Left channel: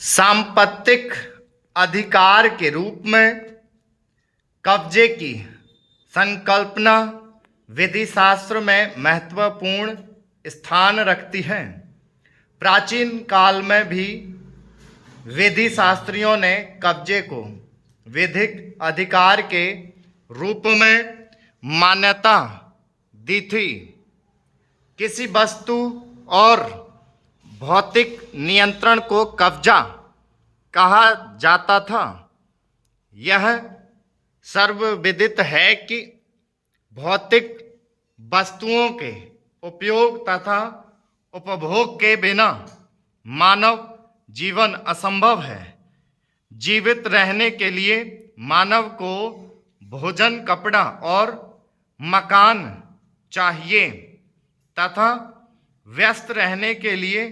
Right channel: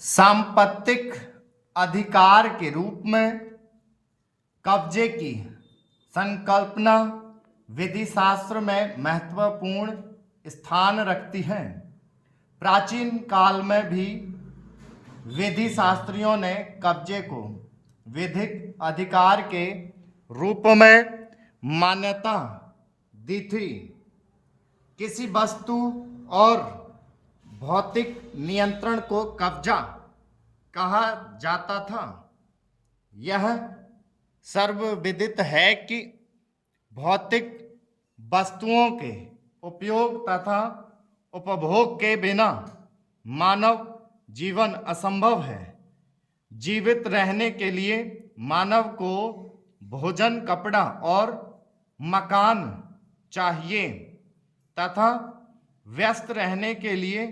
सांपत्तिक अधिकार के रूप में कब्जे की संकल्पना विधि शास्त्र में महत्वपूर्ण स्थान रखती है। प्राचीन काल में भी विधि शास्त्रियों ने कब्जे को विधिक अधिकार के रूप में मान्यता दी थी। किसी वस्तु और भौतिक नियंत्रण को कब्जा कहा जाता था। यह सर्वविदित है कि भौतिक वस्तुओं के उपयोग तथा उपभोग के बिना मानव जीवन असंभव है। जीवित रहने के लिए मानव को भोजन, कपड़ा और मकान चाहिए तथा व्यस्त रहने के लिए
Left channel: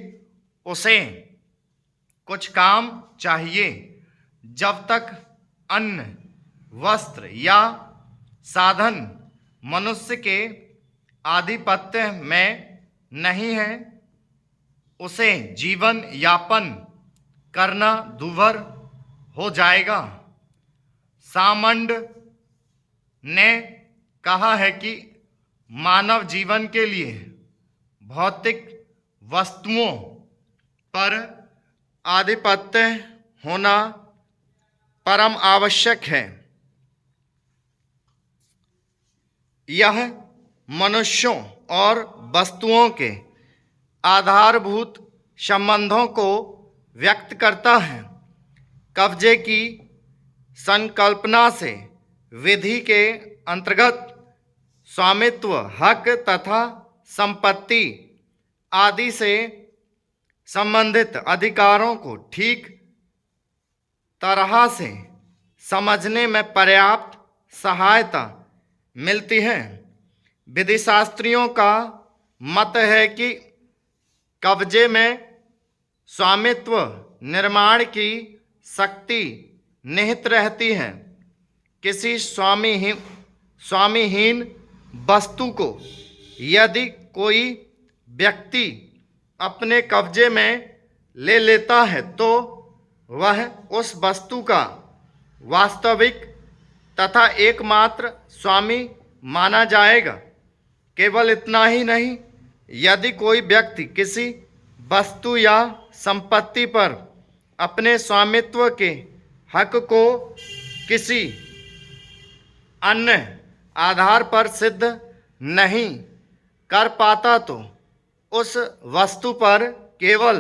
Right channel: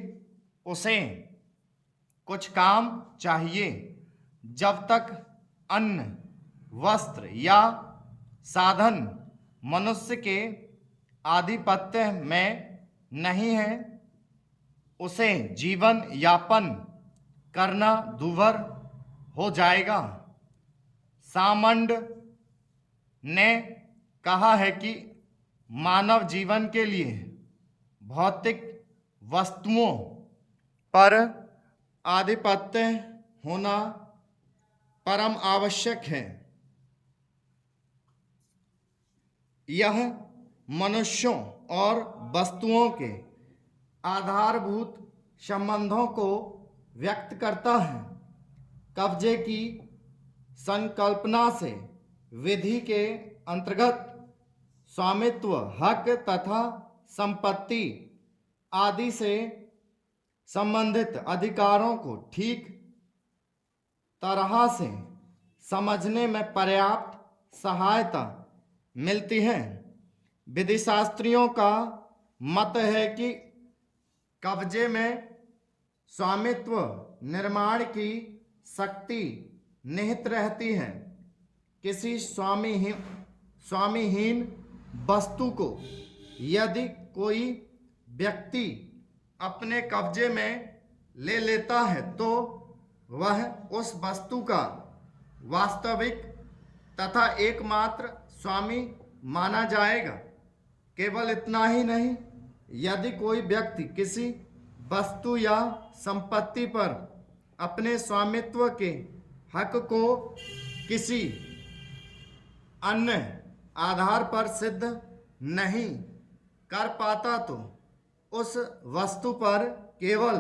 उसे कुछ काम चाहिए। जब तक अन्न, वस्त्र या साधन मनुष्य के आधिपत्य में नहीं है, उसे जीवन यापन करना दूभर हो जाएगा। सामंड ने कहा है कि मानव जीवन के लिए भौतिक वस्तुओं पर आधिपत्य होना परम आवश्यक है। यह मनुष्यों और वस्तुओं के आधारभूत संबंधों को व्यक्त करता है। कब्जे की संकल्पना से विधि के अंतर्गत स्वामित्व, हक तथा संपत्ति आदि से संबंधित अधिकारों को ठीक तरह से समझने में पर्याप्त सहायता मिलती है। विधिशास्त्रियों का मत है कि कब्जे में स्वामित्व निर्माण की शक्ति निहित रहती है। किसी स्वामीहीन वस्तु को यदि कोई व्यक्ति अपने कब्जे में ले लेता है तो वह उस वस्तु का वास्तविक तथा एकमात्र स्वामी माना जाएगा। केवल इतना ही नहीं, यदि कोई व्यक्ति किसी वस्तु या संपत्ति पर अपने स्वामित्व के हक को किसी अन्य आधार पर सिद्ध नहीं कर पाता तो उस वस्तु पर केवल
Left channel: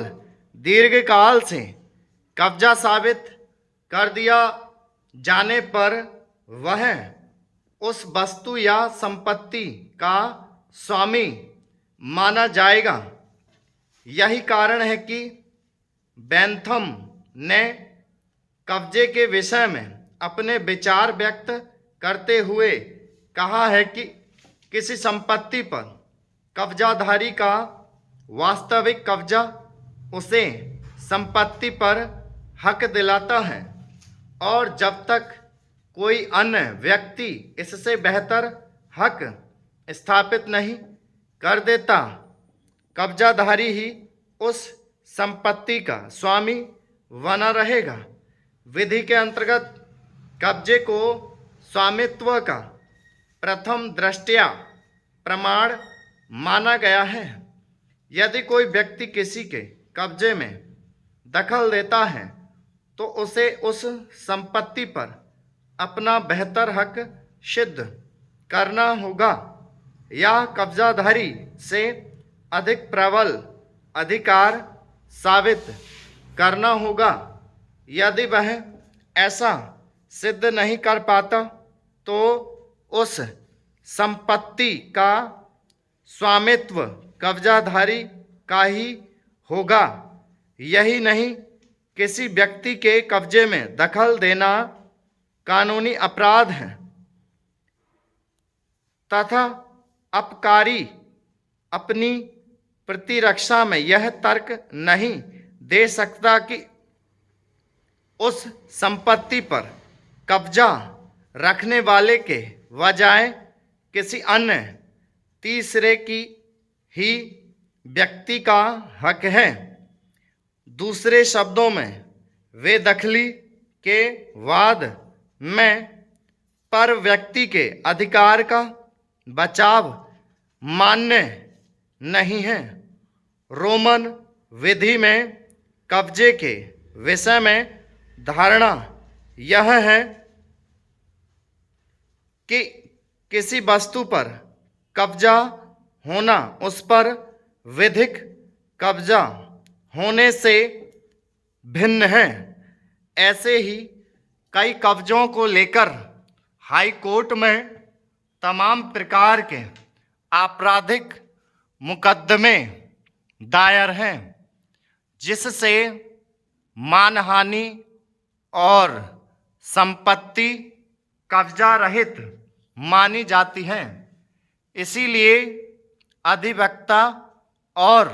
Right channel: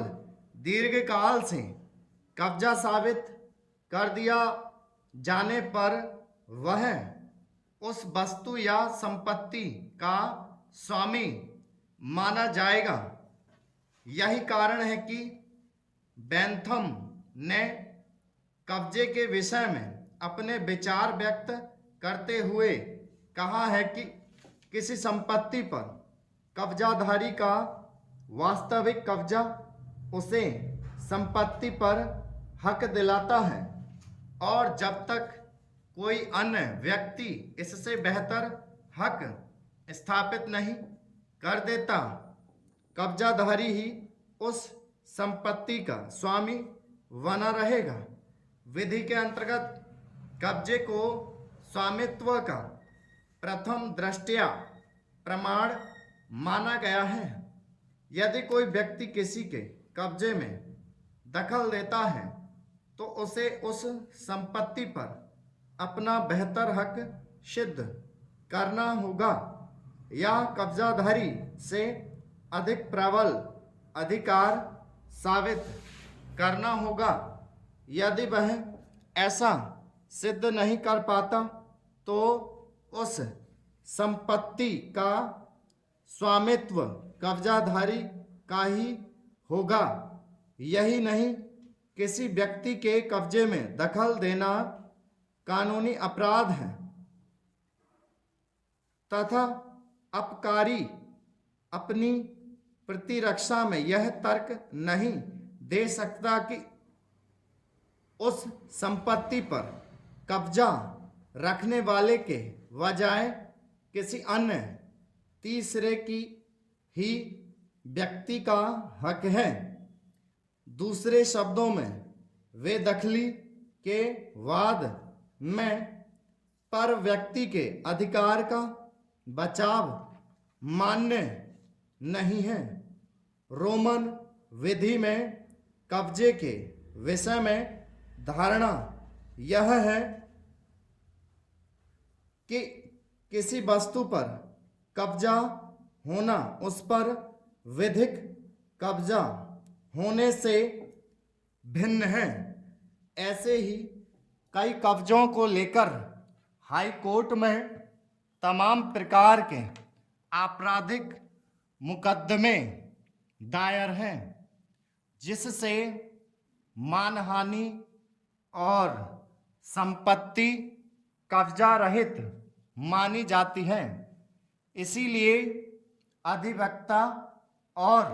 दीर्घकाल से कब्जा साबित कर दिया जाने पर वह उस वस्तु या संपत्ति का स्वामी माना जाएगा। यही कारण है कि बेंथम ने कब्जे के विषय में अपने विचार व्यक्त करते हुए कहा है कि किसी संपत्ति पर कब्जाधारी का वास्तविक कब्जा उसे संपत्ति पर हक दिलाता है और जब तक कोई अन्य व्यक्ति इससे बेहतर हक स्थापित नहीं कर देता, कब्जाधारी ही उस संपत्ति का स्वामी बना रहेगा। विधि के अंतर्गत कब्जे को स्वामित्व का प्रथम दृष्टया प्रमाण माना गया है। यदि कोई व्यक्ति किसी के कब्जे में दखल देता है तो उसे उस संपत्ति पर अपना बेहतर हक सिद्ध करना होगा या कब्जाधारी से अधिक प्रबल अधिकार साबित करना होगा। यदि वह ऐसा सिद्ध नहीं कर पाता तो उस संपत्ति का स्वामित्व कब्जाधारी का ही होगा। यही नहीं, किसी व्यक्ति के कब्जे में दखल देना कानूनी अपराध है तथा अपकारी अपनी प्रतिरक्षा में यह तर्क नहीं दे सकता कि उस संपत्ति पर कब्जा रखने वाले के बजाय किसी अन्य तीसरे की ही व्यक्ति का हक है। दूसरे शब्दों में बेदखली के वाद में पर व्यक्ति के अधिकार का बचाव मान्य नहीं है। रोमन विधि में कब्जे के विषय में धारणा यह है कि किसी वस्तु पर कब्जा होना उस पर विधिक कब्जा होने से भिन्न है। ऐसे ही कई कब्जों को लेकर हाई कोर्ट में तमाम प्रकार के आपराधिक मुकदमे दायर हैं, जिससे मानहानि और संपत्ति कब्जा रहित मानी जाती हैं। इसीलिए अधिवक्ता और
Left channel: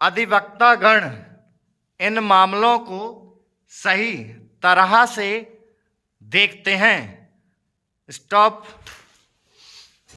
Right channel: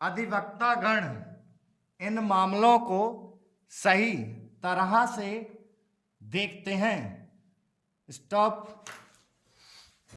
अधिवक्तागण इन मामलों को सही तरह से देखते हैं। स्टॉप।